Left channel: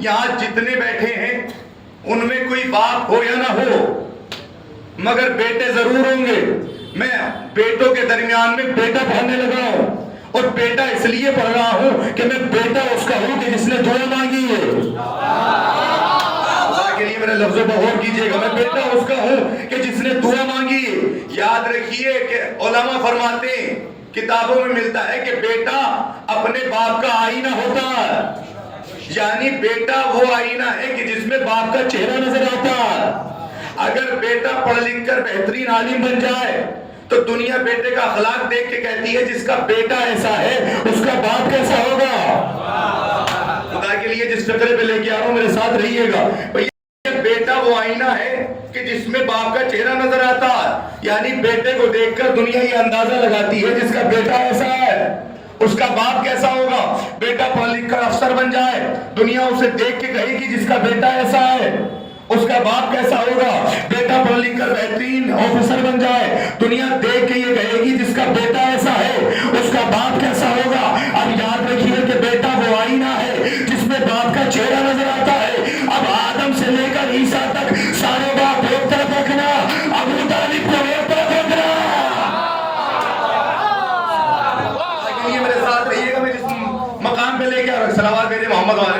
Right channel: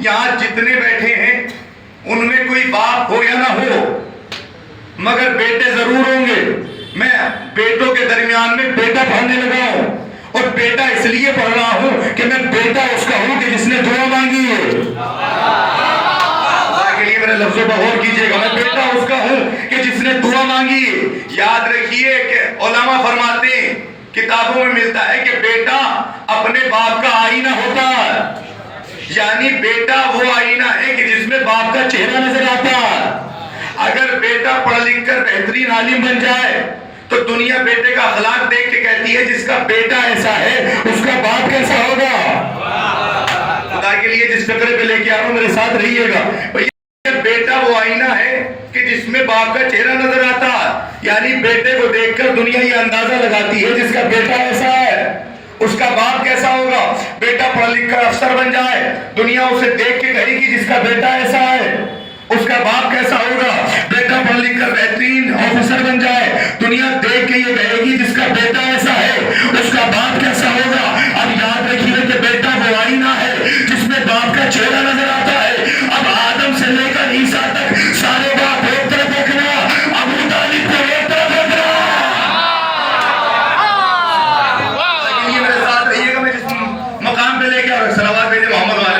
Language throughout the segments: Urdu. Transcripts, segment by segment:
یہاں جتنے بیٹھے ہیں ان میں کوئی باپ ہو یا نہ ہو مگر بیٹے ضرور ہوں گے. میں بیٹوں کے درمیان میں بیٹا پڑھنے لگا ہوں اور بیٹا اس لیے پڑھ رہا ہوں کہ میں بیٹا اس کا ہوں کہ جس نے دعا مانگی ہے. کے لیے میرے لفظوں پر غور کیجئے گا. میں بیٹا اس کا ہوں کہ جس نے دعا مانگی ہے. یاد رکھیے کہ علماء فرماتے ہیں کتابوں میں ملتا ہے کہ بیٹا اپنے باپ کا آئینہ ہوتا ہے. یعنی بیٹا وہ آئینہ ہے کہ جس میں باپ کا چہرہ نظر آتا ہے. اگر بیٹا پڑھ لکھ کر بہترین عالم بن جائے تو دنیا بیٹے کا اخلاق دیکھ کے کہتی ہے جس کا بیٹا ایسا ہے اس کا باپ کیسا ہوگا. خدا کے لیے جس فکرے پہ لے کے آ رہا ہوں میرے ساتھ رہیے گا. بیٹا وہ آئینہ ہے کہ جس میں باپ کا چہرہ نظر آتا ہے. یعنی بیٹے کو دیکھ کر دنیا یہ اندازہ لگاتی ہے جس کا بیٹا ایسا ہے اس کا باپ کیسا ہوگا. بیٹا پڑھ لکھ کر افسر بن جائے دنیا اسے دیکھ کے کہے گی جس کا بیٹا ایسا ہے اس کا باپ کیسا ہوگا. بیٹا پڑھ لکھ کر بہترین آفیسر بن جائے دنیا دیکھ کے یہ کہے گی جس کا بیٹا ایسا ہے اس کا باپ کیسا ہوگا. اب یاد رکھیے کہ بیٹا وہ آئینہ ہے جس میں باپ کا چہرہ نظر آتا ہے. اب آدم سے لے کر عیسیٰ تک سارے باپ ایک طرف رکھنا, ابو طالب کو ایک طرف رکھنا. یہ میرے ساتھ رہیے گا. میں جس مقام پہ لے کے آ رہا ہوں صلوات بھیجے محمد والے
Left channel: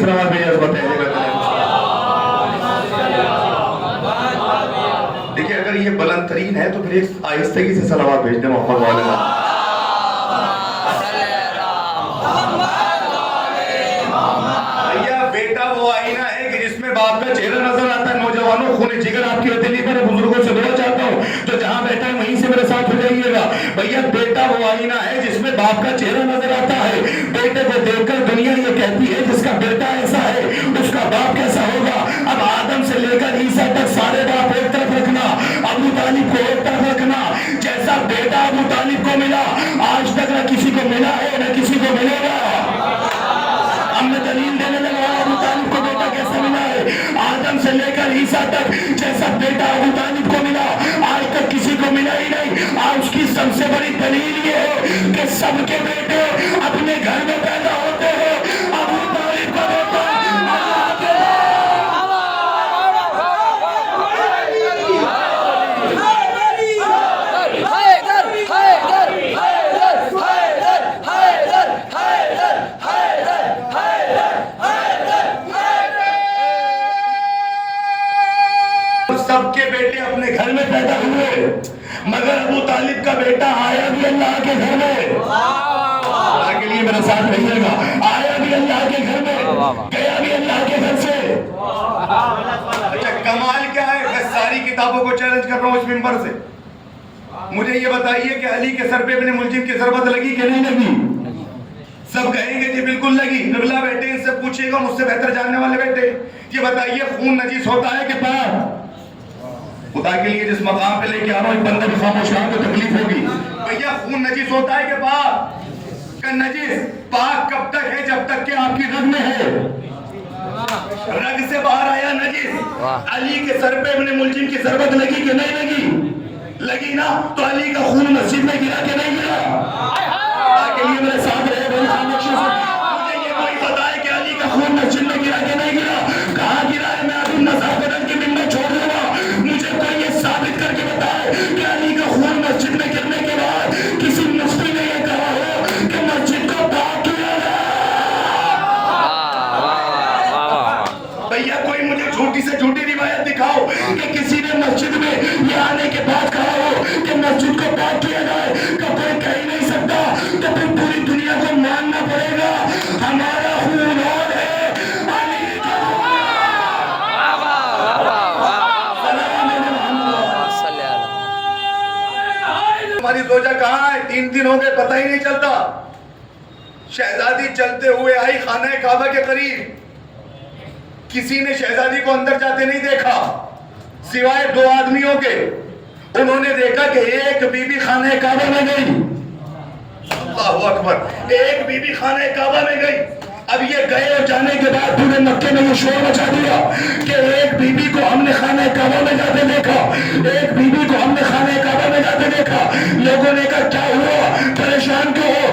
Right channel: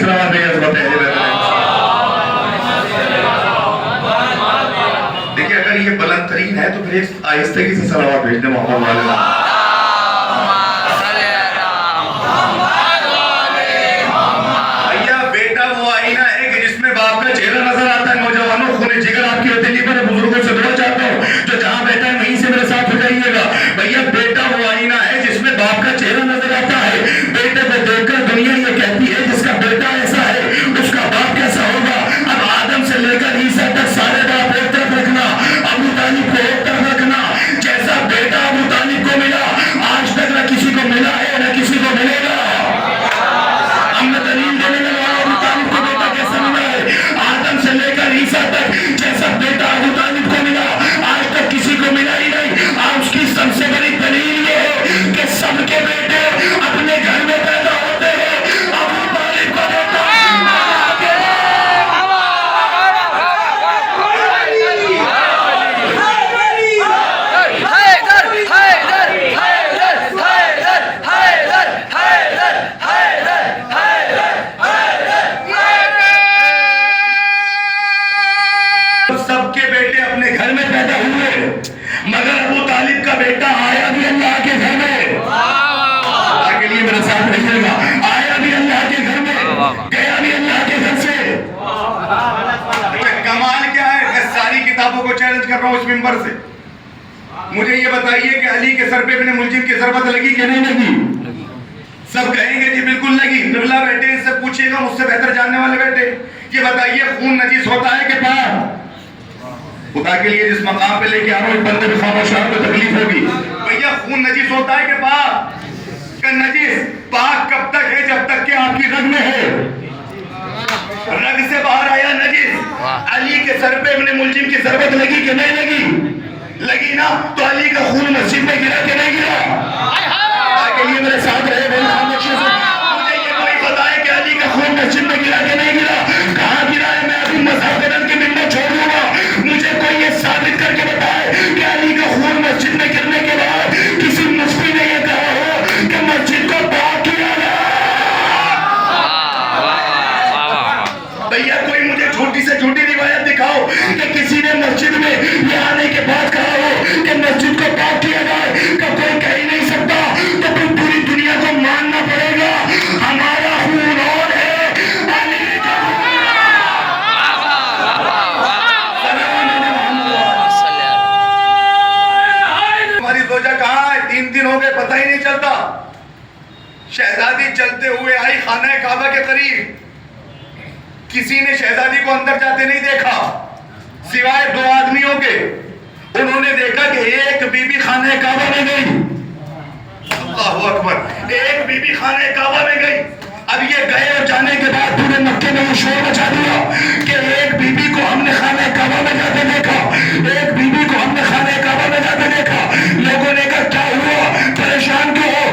صلوات بھیجے اس وقت دیکھیں. اگر یہ بلند ترین ہے تو پھر آہستگی سے صلوات بھیج دیں محمد والے. بھیا بیٹا وہ آئینہ ہے کہ جس میں باپ کا چہرہ نظر آتا ہے. نوجوانوں خون جگر آپ کی ہتھیلی پر بزرگوں سے دعا چاہتا ہوں جو جہاں بیٹھا ہے وہیں سے میرے ساتھ ہو جائیے گا. بھیا بیٹا وہ آئینہ ہے جس میں باپ کا چہرہ نظر آتا ہے. بیٹے کو دیکھ کر دنیا یہ کہتی ہے جس کا بیٹا ایسا ہے اس کا باپ کیسا ہوگا. اب آدم سے لے کر عیسیٰ تک سارے باپ ایک طرف رکھنا, ابو طالب کو ایک طرف رکھنا. جیسا بیٹا ابو طالب کو ملا آج تک نہ کسی کو ملا ہے نہ کسی کو ملے گا. ہم نے دلیل دینے لگا ابو طالب کو بیٹا کیسا ملا ہے. آدم سے لے کر عیسیٰ تک جیسا بیٹا ابو طالب کو ملا آج تک کسی کو ملا ہی نہیں. آج اس کی سب سے بڑی دلیل یہ ہے کہ سب کے بیٹے اپنے گھر میں پیدا ہوتے ہیں. ابو طالب کا بیٹا سب کے بیٹے اپنے گھر میں پیدا ہوئے مگر ابو طالب کا بیٹا آیا بھی اللہ کے گھر میں. اللہ کے لیے میرا ساتھ رہیے گا. آیا بھی اللہ کے گھر میں گیا بھی اللہ کے گھر سے. کمال کیا ہے. میں ساری کتابوں کو چیلنج کر رہا ہوں اس منبر سے. مجھے یہ بتائیے کہ علی کے سر پہ ابن ملجم کی ضربت لگی کہ نہیں لگی. سب کہیں گے جی بالکل لگی. نبلا بیٹے اس سے پوچھئے گا مجھ سے بہتر جاننے والے بیٹے یہ بتائیے خون نجیس ہوتا ہے کہ پاک. خدا کے لیے جس مقام پہ لے کے آ رہا ہوں بندے بھی خاموشان کو تکلیف ہوگی. بھیا خون نجیس ہوتا ہے کہ پاک. کہ نجیس پاک کب تک ہے جب تک کہ آپ کی رگ میں ہے. رگ سے باہر آیا نجیس. علی کے سر پہ ابن ملجم کی ضربت لگی کہ نہیں لگی. لگی نا تو علی کا خون مسجد میں گرا کہ نہیں گرا. کے لیے میرے ساتھ رہے بڑی خاموشی سے. مجھے یہ کوئی بتائے کہ علی کا خون مسجد میں گرا کہ نہیں گرا. کہاں گرا ہے. میں ابھی مذہب کے منبر چھوڑ دوں گا. مجھے کوئی یہ ثابت کر کے بتائے کہ علی کا خون مسجد میں گرنے کے بعد کسی مفتی نے یہ کہا ہو کہ مسجد کو پاک کیا گیا. بھیا کوئی مجھے جھوٹی سے جھوٹی روایت دکھاؤ کہ کسی نے مسجد میں یہ آنے کے بعد کہا ہو کہ مسجد کو پاک کیا جائے. کہ کوئی کہہ نہیں سکتا تو پھر پوری دنیا کو ماننا پڑے گا ہمارا خون اور ہے. ہماری زوجہ کہاں ہے. 3 دن ہو گئے پتہ ہی نہیں چلتا. شہزادی چلتے ہوئے آئی خانہ کعبہ کے قریب. کسی نے شہزادی کو اندر جاتے نہیں دیکھا سوائے 2 آدمیوں کے. انہوں نے دیکھا کہ ایک بی بی خانہ کعبہ میں گئی. اللہ اکبر. ایک بی بی خانہ کعبہ میں گئی. اب یہ گئے اور جانے کے بعد پورے مکے میں یہ شور مچا دیا کہ ایک بی بی کو ہم نے خانہ کعبہ میں جاتے دیکھا. ایک بی بی کو ہم نے خانہ کعبہ میں جاتے دیکھا. لوگوں نے کہا کیا ہوا پریشان کیوں ہو.